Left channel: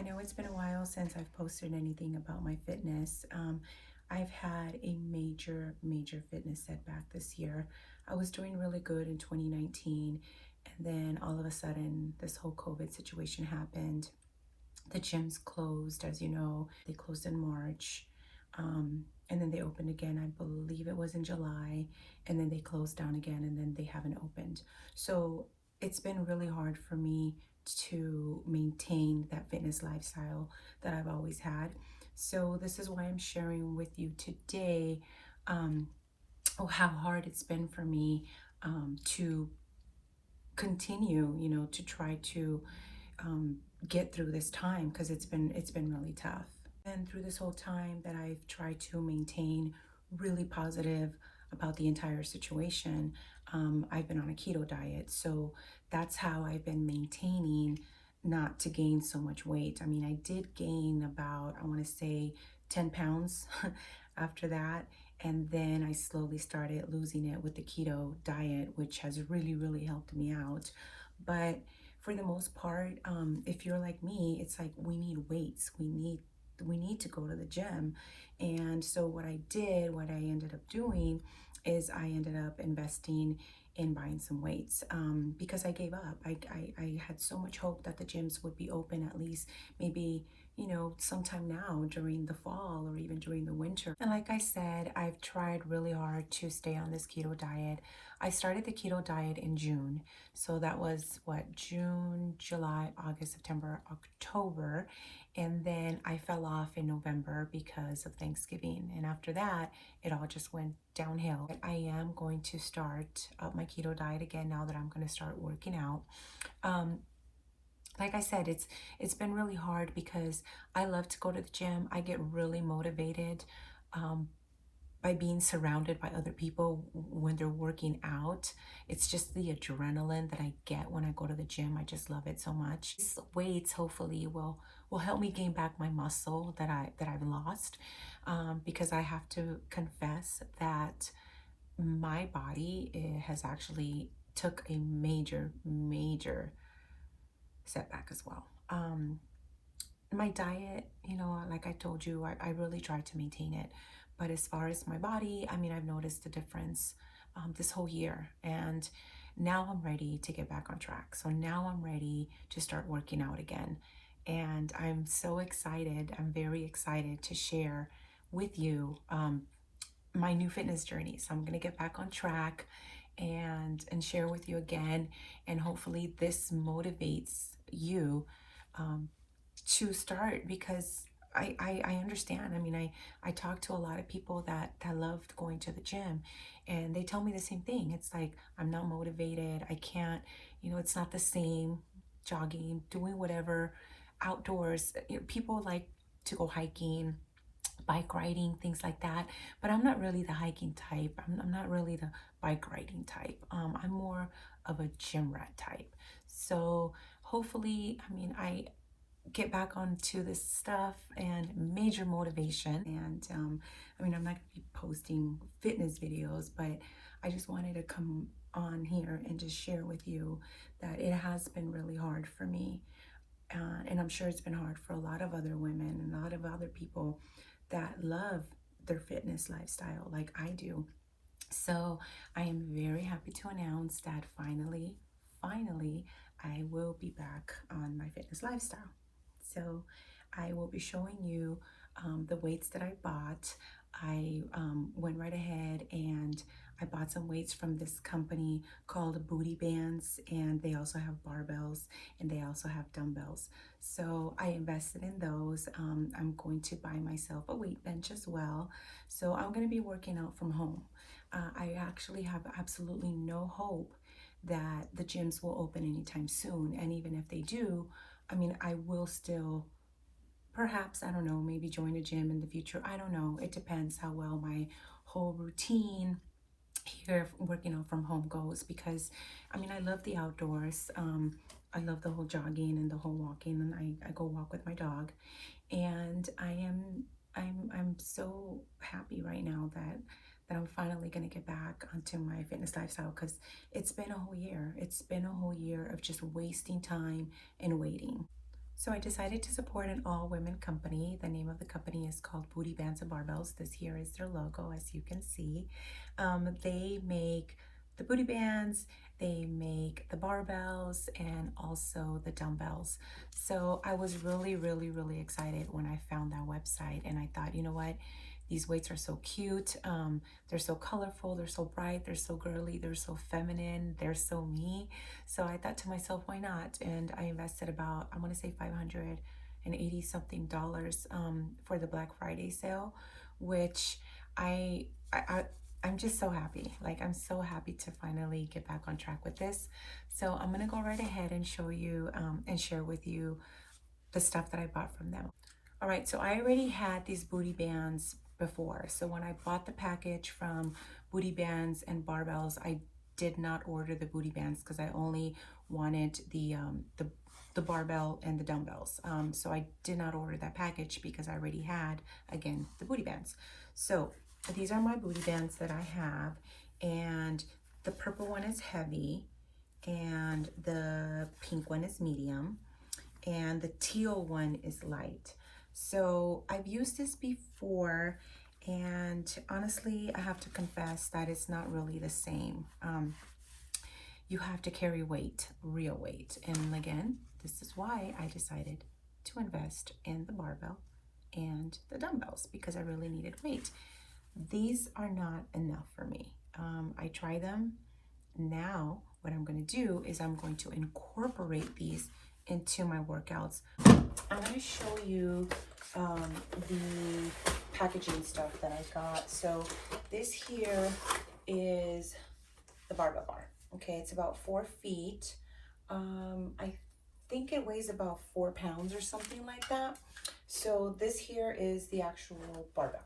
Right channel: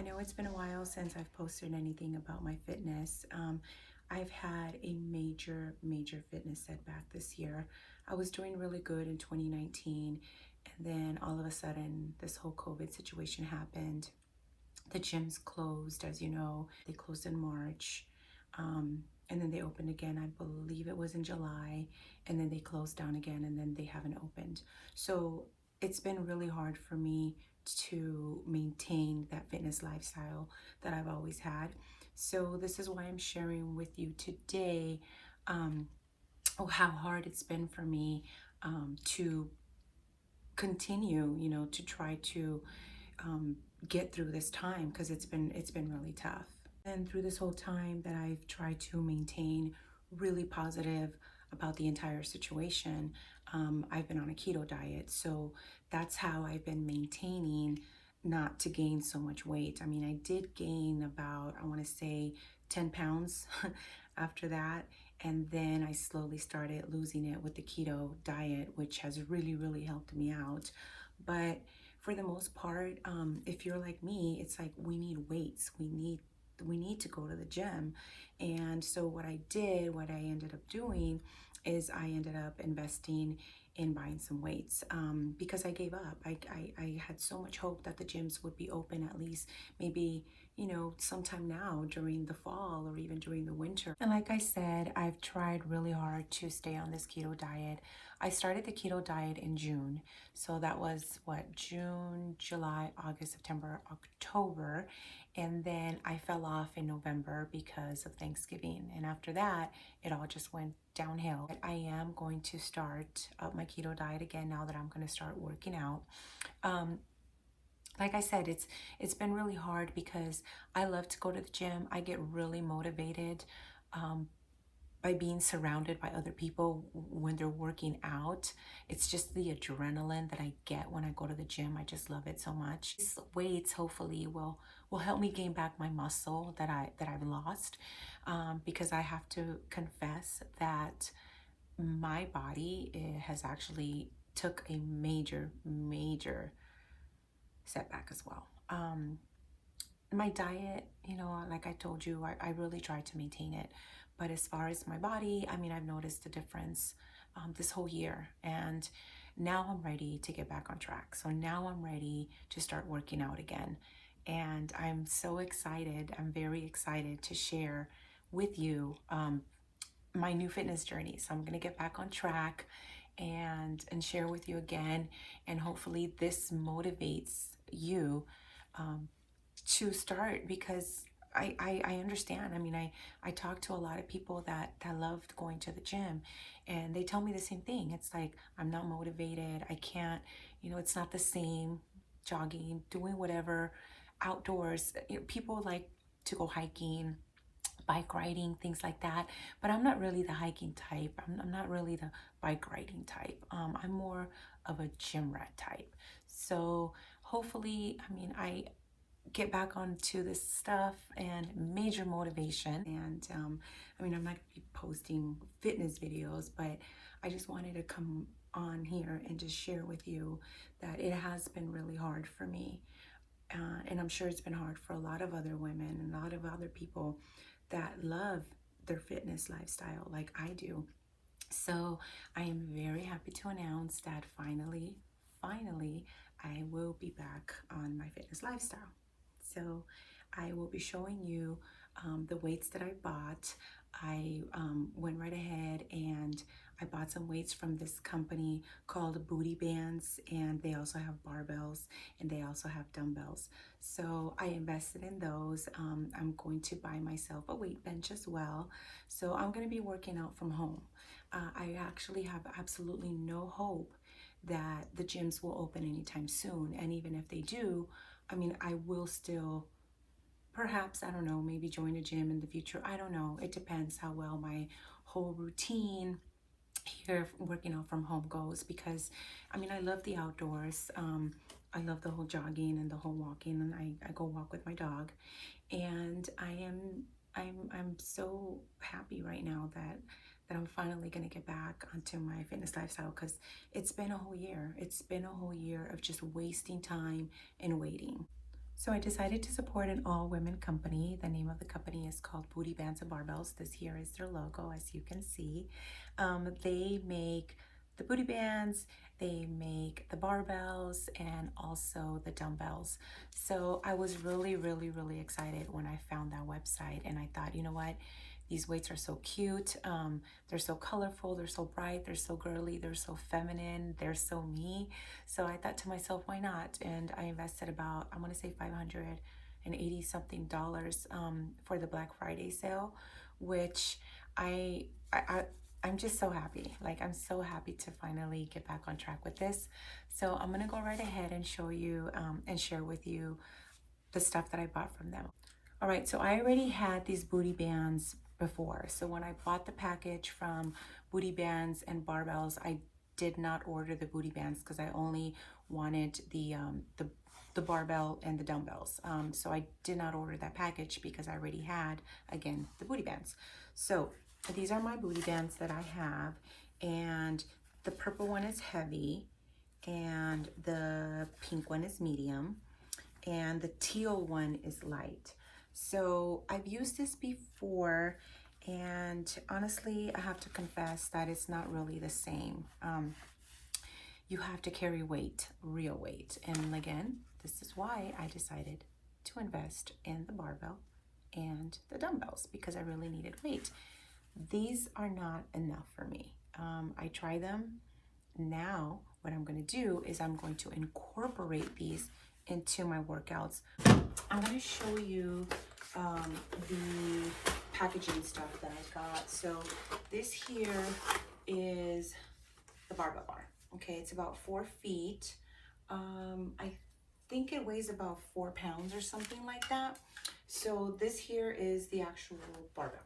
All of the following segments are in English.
I know it's been a while since I've posted anything about my fitness. I've had a major fitness setback this year. I was doing really good in 2019, and then all of a sudden, this whole COVID situation happened. The gyms closed, as you know, they closed in March. And then they opened again, I believe it was in July, and then they closed down again, and then they haven't opened. So it's been really hard for me to maintain that fitness lifestyle that I've always had. So this is why I'm sharing with you today, um, how hard it's been for me to continue, to try to um, get through this time, because it's been really tough. And through this whole time that I've tried to maintain really positive about the entire situation, I've been on a keto diet. So that's how I've been maintaining not to gain so much weight. I mean, I did gain about, I want to say, 10 pounds after that. And then I slowly started losing it with the keto diet, which has really helped me out. But for the most part, if you're like me, it's like we need weights. We need to go to the gym. And so what I ended up doing is I ended up investing in buying some weights, because I gave up. I had so much hope that the gyms would be open at least maybe, sometime now during the fall or even during the winter. And like I said, I've tried really hard to stay on this keto diet. I started the keto diet in June. So that was what, June, July, August, September, October. And then I fell off in November because of Thanksgiving. And after that, it all just went downhill. But I am going to start up my keto diet again now that I'm going to start working out. Um, like I said, it's been really hard because I love to go to the gym. I get really motivated um, by being surrounded by other people when they're working out. It's just the adrenaline that I get when I go to the gym. I just love it so much. These weights hopefully will help me gain back my muscle that I've lost, because I have to confess that my body has actually took a major setback as well. My diet, like I told you, I really try to maintain it. But as far as my body, I mean, I've noticed the difference this whole year. And now I'm ready to get back on track. So now I'm ready to start working out again. And I'm so excited. I'm very excited to share with you my new fitness journey. So I'm going to get back on track and share with you again. And hopefully this motivates you um, to start, because I understand. I mean, I talk to a lot of people that loved going to the gym, and they tell me the same thing. It's like, I'm not motivated. I can't, it's not the same jogging, doing whatever outdoors. People like to go hiking, bike riding, things like that. But I'm not really the hiking type. I'm not really the bike riding type. I'm more of a gym rat type. So hopefully, I mean, I get back onto this stuff and major motivation. And I mean, I'm not going to be posting fitness videos, but I just wanted to come on here and just share with you that it has been really hard for me. And I'm sure it's been hard for a lot of other women and a lot of other people that love their fitness lifestyle like I do. So I am very happy to announce that finally, I will be back on my fitness lifestyle. So I will be showing you the weights that I bought. I went right ahead and I bought some weights from this company called Bootybands, and they also have barbells and they also have dumbbells. So I invested in those. I'm going to buy myself a weight bench as well. So I'm going to be working out from home. I actually have absolutely no hope that the gyms will open anytime soon. And even if they do, I mean, I will still, perhaps, I don't know, maybe join a gym in the future. I don't know. It depends how well my whole routine here working out from home goes, because I mean, I love the outdoors. I love the whole jogging and the whole walking, and I go walk with my dog. And I'm so happy right now that I'm finally going to get back onto my fitness lifestyle, because it's been a whole year. It's been a whole year of just wasting time and waiting. So I decided to support an all-women company. The name of the company is called Bootybands and Barbells. This here is their logo, as you can see. They make the booty bands, they make the barbells, and also the dumbbells. So I was really excited when I found that website, and I thought, you know what? These weights are so cute. They're so colorful. They're so bright. They're so girly. They're so feminine. They're so me. So I thought to myself, why not? And I invested about, I want to say $580 something for the Black Friday sale, which I, I, I'm just so happy. Like, I'm so happy to finally get back on track with this. So I'm going to go right ahead and show you and share with you the stuff that I bought from them. All right, so I already had these booty bands before. So when I bought the package from Booty Bands and Barbells, I did not order the booty bands because I only wanted the barbell and the dumbbells. So I did not order that package because I already had, again, the booty bands. So these are my booty bands that I have, and the purple one is heavy, and the pink one is medium, and the teal one is light. So I've used this before, and honestly, I have to confess that it's not really the same. You have to carry weight, real weight. And again, this is why I decided to invest in the barbell and the dumbbells, because I really needed weight. These are not enough for me. I try them. Now what I'm going to do is I'm going to incorporate these into my workouts. I'm going to show you the packaging stuff that I got. So this here is the barbell bar. Okay, it's about 4 feet. I think it weighs about 4 pounds or something like that. So this here is the actual barbell.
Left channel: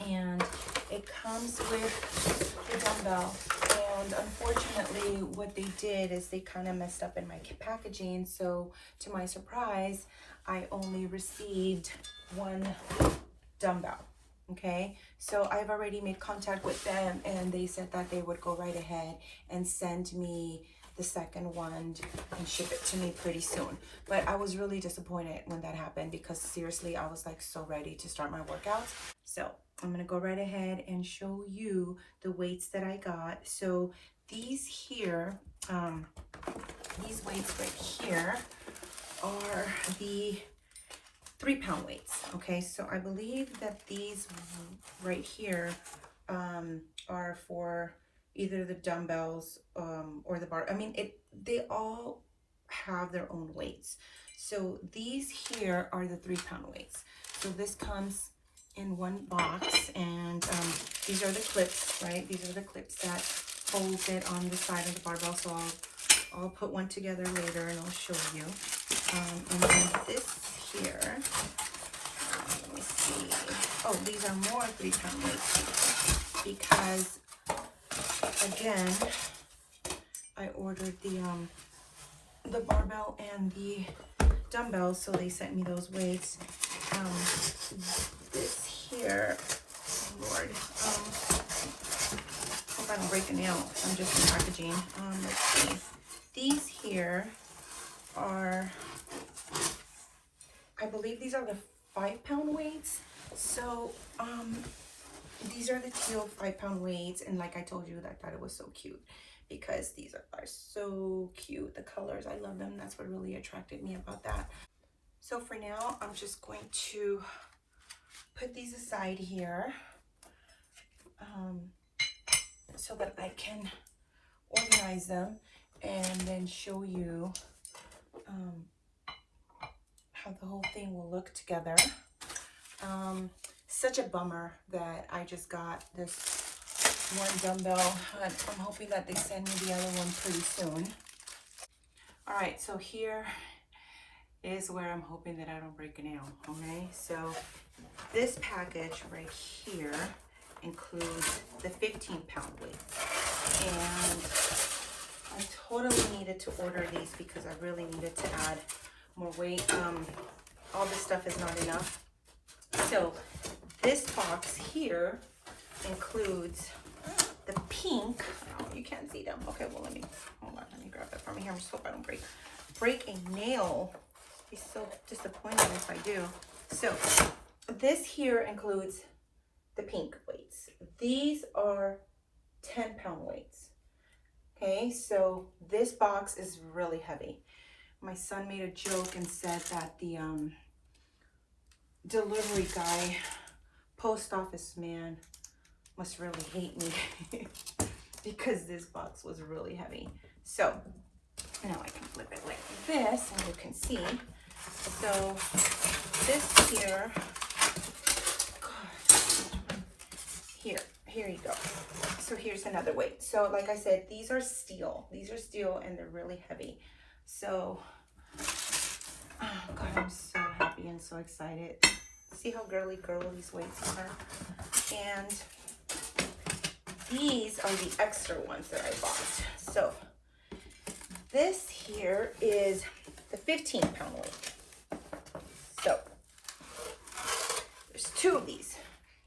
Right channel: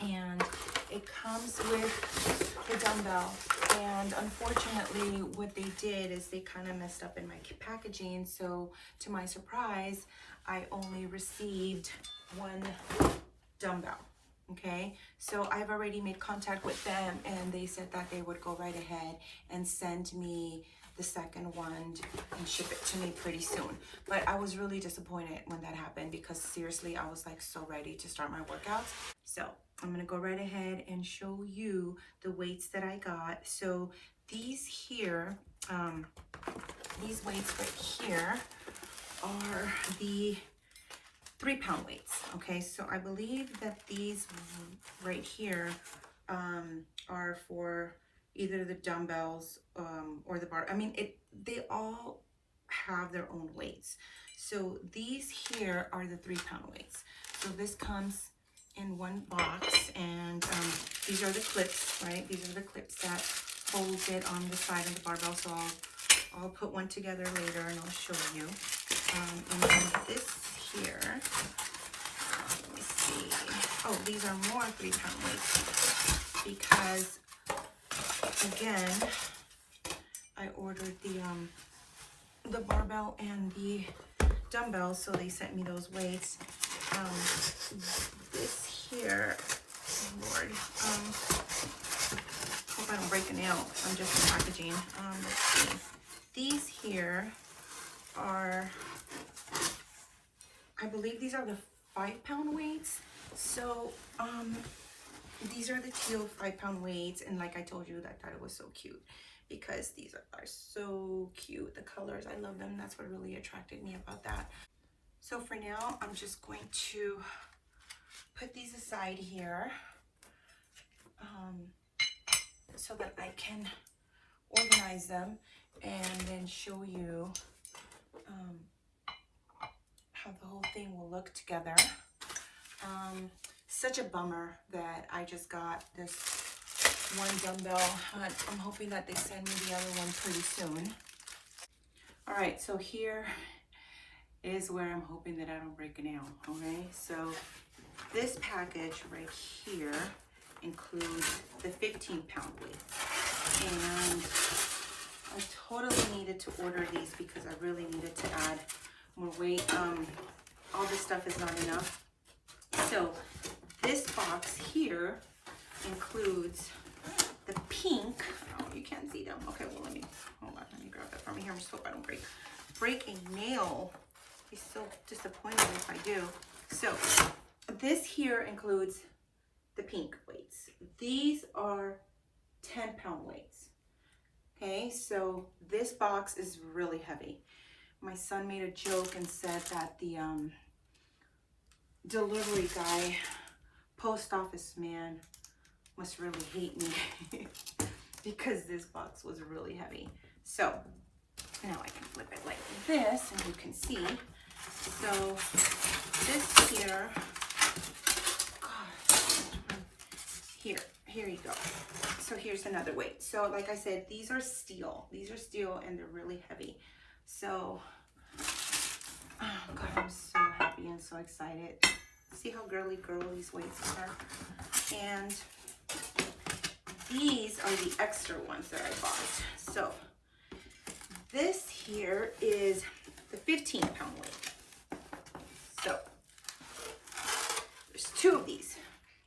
And it comes with the dumbbell, and unfortunately what they did is they kind of messed up in my packaging. So to my surprise, I only received 1 dumbbell. Okay, so I've already made contact with them, and they said that they would go right ahead and send me the second one and ship it to me pretty soon. But I was really disappointed when that happened, because seriously, I was like so ready to start my workouts. So I'm gonna go right ahead and show you the weights that I got. So these here, these weights right here are the 3-pound weights. Okay, so I believe that these right here are for either the dumbbells or the bar. I mean, they all have their own weights. So these here are the 3-pound weights. So this comes in 1 box, and these are the clips, right? These are the clips that holds it on the side of the barbell. So I'll put one together later and I'll show you. And then this here, let me see. Oh, these are more 3-pound weights, because again, I ordered the barbell and the dumbbells, so they sent me those weights. This here, Lord, hope I don't break a nail. I'm just in packaging. Let's see. These here are, I believe these are the 5-pound weights. So these are the teal 5-pound weights, and like I told you, I thought it was so cute, because these are so cute. The colors, I love them. That's what really attracted me about that. So for now, I'm just going to put these aside here so that I can organize them and then show you how the whole thing will look together. Such a bummer that I just got this 1 dumbbell. I'm hoping that they send me the other one pretty soon. All right, so here is where I'm hoping that I don't break a nail. Okay, so this package right here includes the 15-pound weight, and I totally needed to order these because I really needed to add more weight. All this stuff is not enough. So this box here includes the pink. Oh, you can't see them. Okay, well, hold on, let me grab that from here. I just hope I don't break. break a nail. Be so disappointed if I do. So this here includes the pink weights. These are 10-pound weights. Okay, so this box is really heavy. My son made a joke and said that the delivery guy, post office man, must really hate me because this box was really heavy. So now I can flip it like this and you can see. So this here, here you go. So here's another weight. So like I said, these are steel and they're really heavy. So, oh God, I'm so happy and so excited. See how girly these weights are. And these are the extra ones that I bought. So this here is the 15-pound weight. So there's two of these,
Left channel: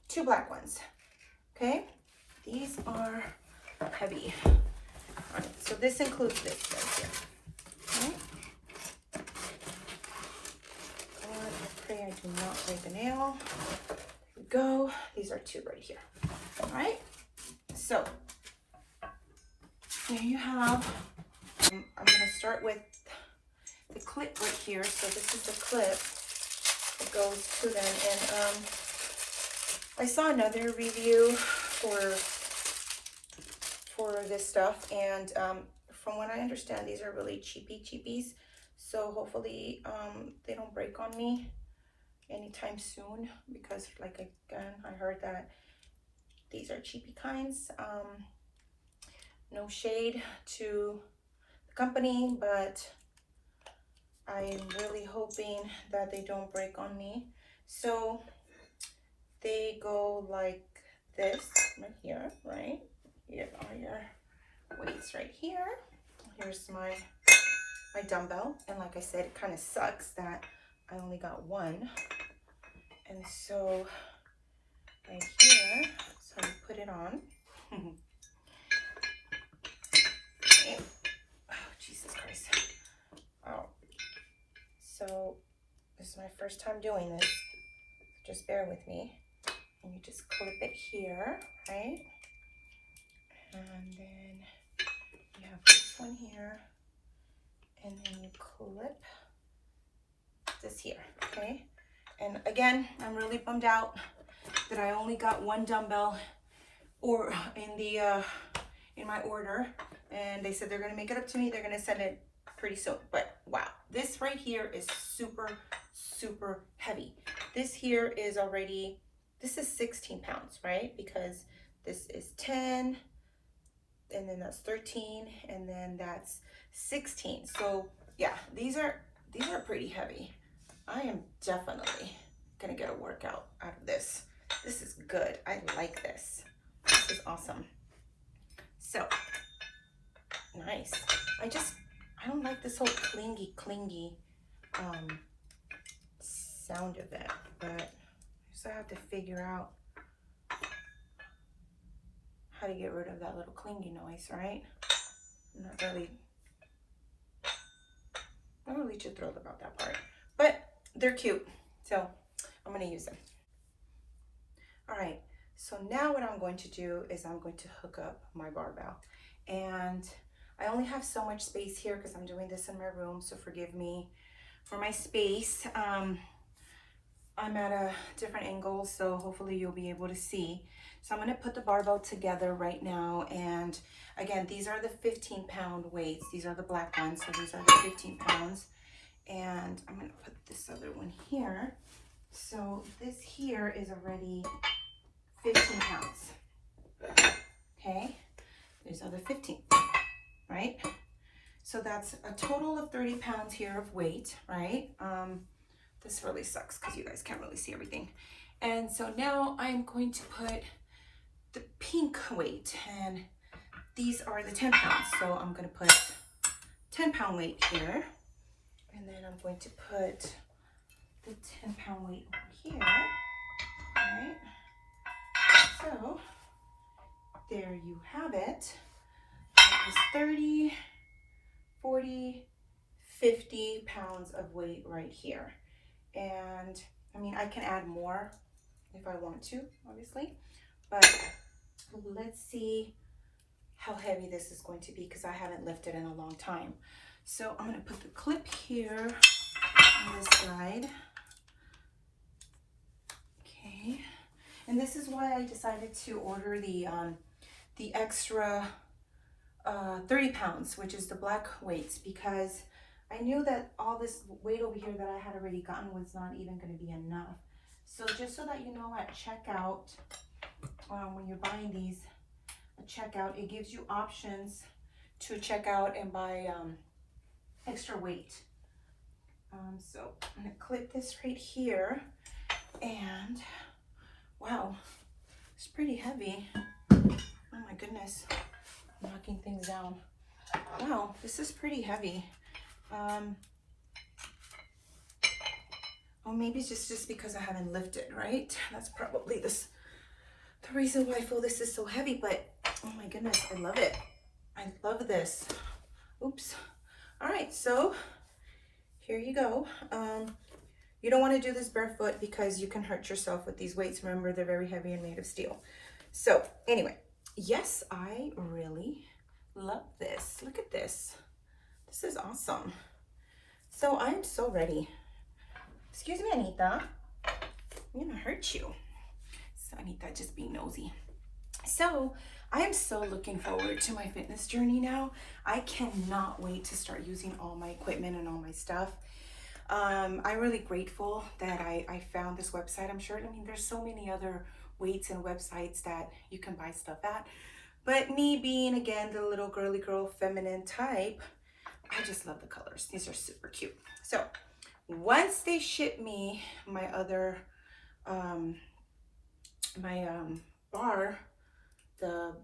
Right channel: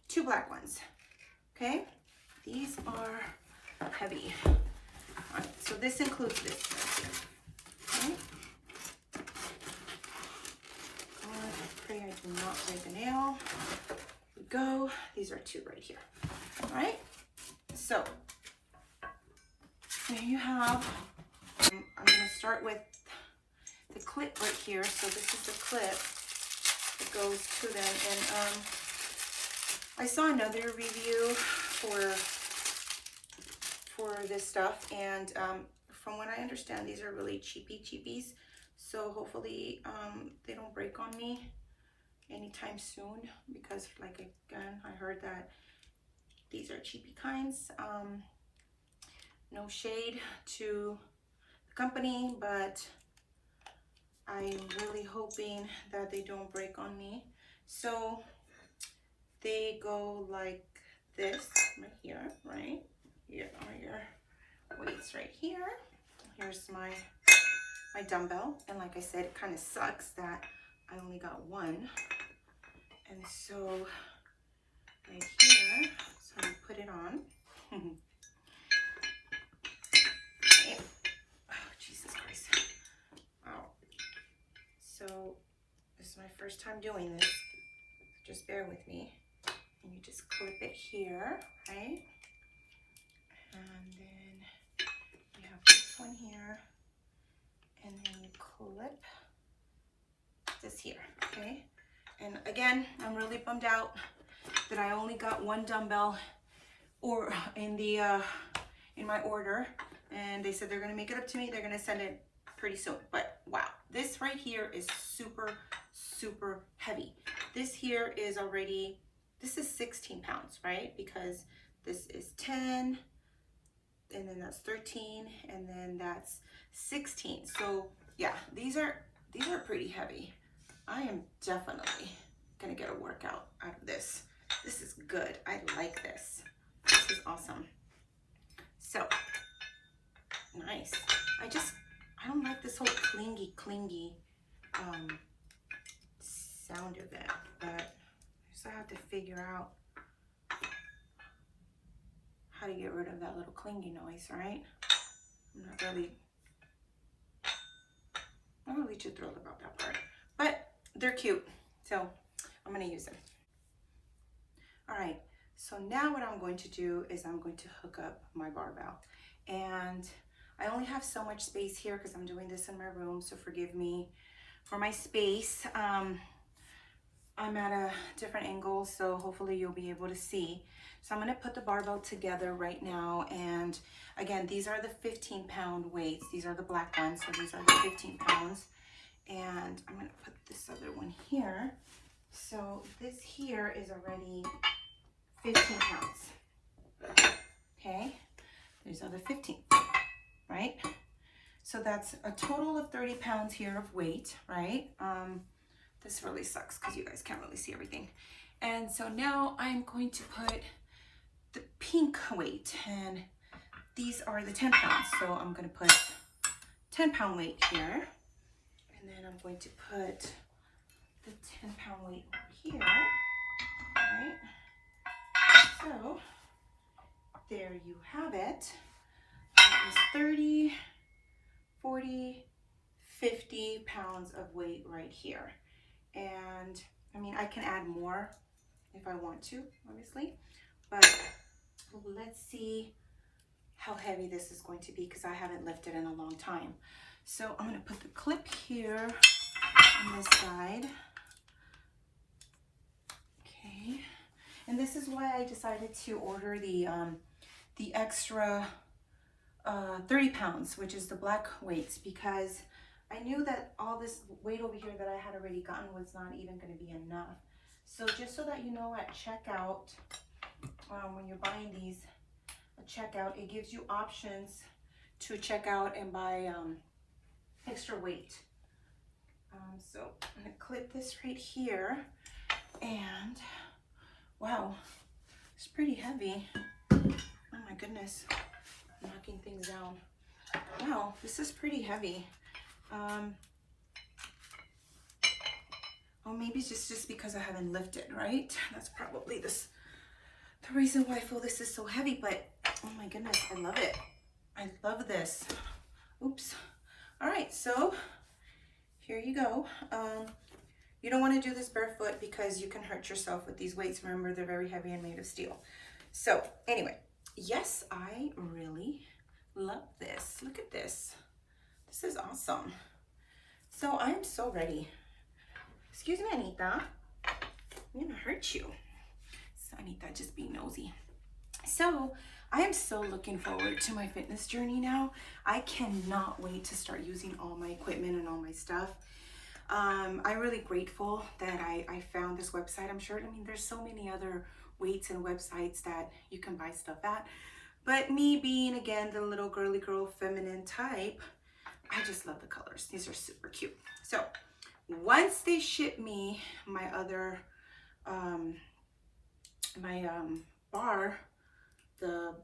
two black ones. Okay, these are heavy. All right, so this includes this right here. Okay. I pray I do not break a nail. Here we go. These are two right here. All right, so there you have. I'm going to start with the clip right here. So this is the clip that goes to them. And I saw another review for this stuff, and from what I understand, these are really cheapies. So hopefully they don't break on me anytime soon, because like again, I heard that these are cheapy kinds. No shade to the company, but I'm really hoping that they don't break on me. So they go like this right here, right? Here are your weights right here. Here's my dumbbell. And like I said, it kind of sucks that I only got one. And so right here, so you put it on. Okay. Oh, Jesus Christ. Oh. So this is my first time doing this. Just bear with me. And you just clip it here, right? And then you have this one here. And then you clip this here, okay? And again, I'm really bummed out that I only got one dumbbell or in my order. And they said they're gonna make it up to me. They're gonna send it pretty soon. But wow, this right here is super, super heavy. This here is already, this is 16 pounds, right? Because this is 10, and then that's 13, and then that's 16. So yeah, these are pretty heavy. I am definitely gonna get a workout out of this. This is good. I like this. This is awesome. So nice. I don't like this whole clingy sound of it, but I just have to figure out how to get rid of that little clingy noise, right? I'm not really too thrilled about that part, but they're cute, so I'm gonna use them. All right, so now what I'm going to do is I'm going to hook up my barbell, and I only have so much space here because I'm doing this in my room, so forgive me for my space. I'm at a different angle, so hopefully you'll be able to see. So I'm gonna put the barbell together right now, and again, these are the 15-pound weights. These are the black ones, so these are the 15 pounds. And I'm gonna put this other one here. So this here is already 15 pounds, okay? There's other 15, right? So that's a total of 30 pounds here of weight, right? This really sucks because you guys can't really see everything. And so now I'm going to put the pink weight, and these are the 10 pounds. So I'm gonna put 10-pound weight here, and then I'm going to put the 10-pound weight over here, right? So there you have it. That is 30, 40, 50 pounds of weight right here. And I mean, I can add more if I want to, obviously, but let's see how heavy this is going to be because I haven't lifted in a long time. So I'm going to put the clip here on this side. Okay. And this is why I decided to order the extra 30 pounds, which is the black weights, because I knew that all this weight over here that I had already gotten was not even going to be enough. So just so that you know, at checkout, when you're buying these at checkout, it gives you options to check out and buy extra weight. So I'm going to clip this right here, and wow, it's pretty heavy. Oh my goodness, I'm knocking things down. Wow, this is pretty heavy. Oh, maybe it's just because I haven't lifted, right? That's probably the reason why I feel this is so heavy, but oh my goodness, I love it. I love this. Oops. All right, so here you go. You don't want to do this barefoot because you can hurt yourself with these weights. Remember, they're very heavy and made of steel. So anyway, yes, I really love this. Look at this. This is awesome. So I'm so ready. Excuse me, Anita. I'm gonna hurt you. So Anita, just be nosy. So I am so looking forward to my fitness journey now. I cannot wait to start using all my equipment and all my stuff. I'm really grateful that I found this website. I'm sure, I mean, there's so many other weights and websites that you can buy stuff at. But me being, again, the little girly girl feminine type, I just love the colors. These are super cute. So once they ship me my other, bar, the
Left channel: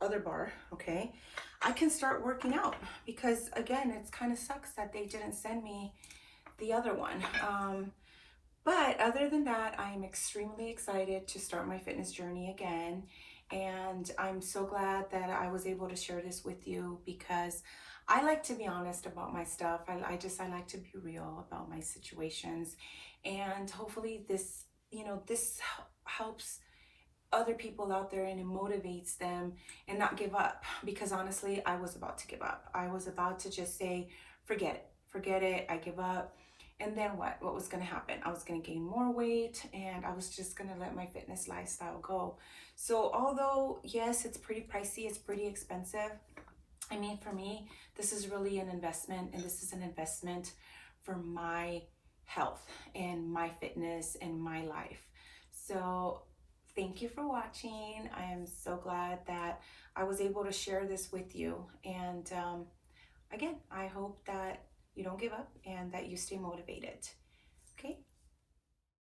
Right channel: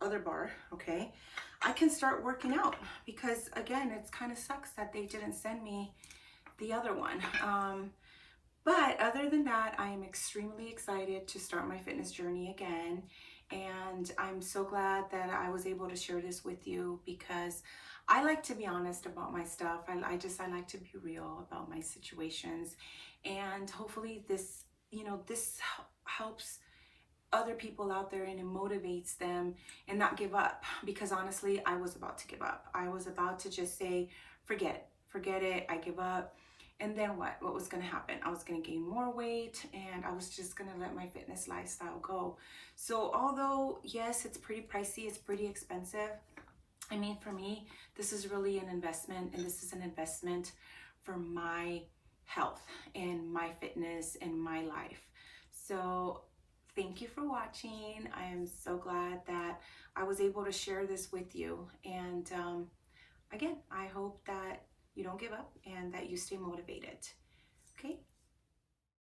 other bar, okay, I can start working out, because again, it's kind of sucks that they didn't send me the other one. But other than that, I am extremely excited to start my fitness journey again. And I'm so glad that I was able to share this with you, because I like to be honest about my stuff. I like to be real about my situations. And hopefully this, this helps other people out there and it motivates them and not give up, because honestly, I was about to give up. I was about to just say, forget it, I give up. And then what was going to happen? I was going to gain more weight, and I was just going to let my fitness lifestyle go. So although yes, it's pretty pricey, it's pretty expensive, I mean, for me, this is really an investment, and this is an investment for my health and my fitness and my life. So thank you for watching. I am so glad that I was able to share this with you. And again, I hope that you don't give up and that you stay motivated. Okay,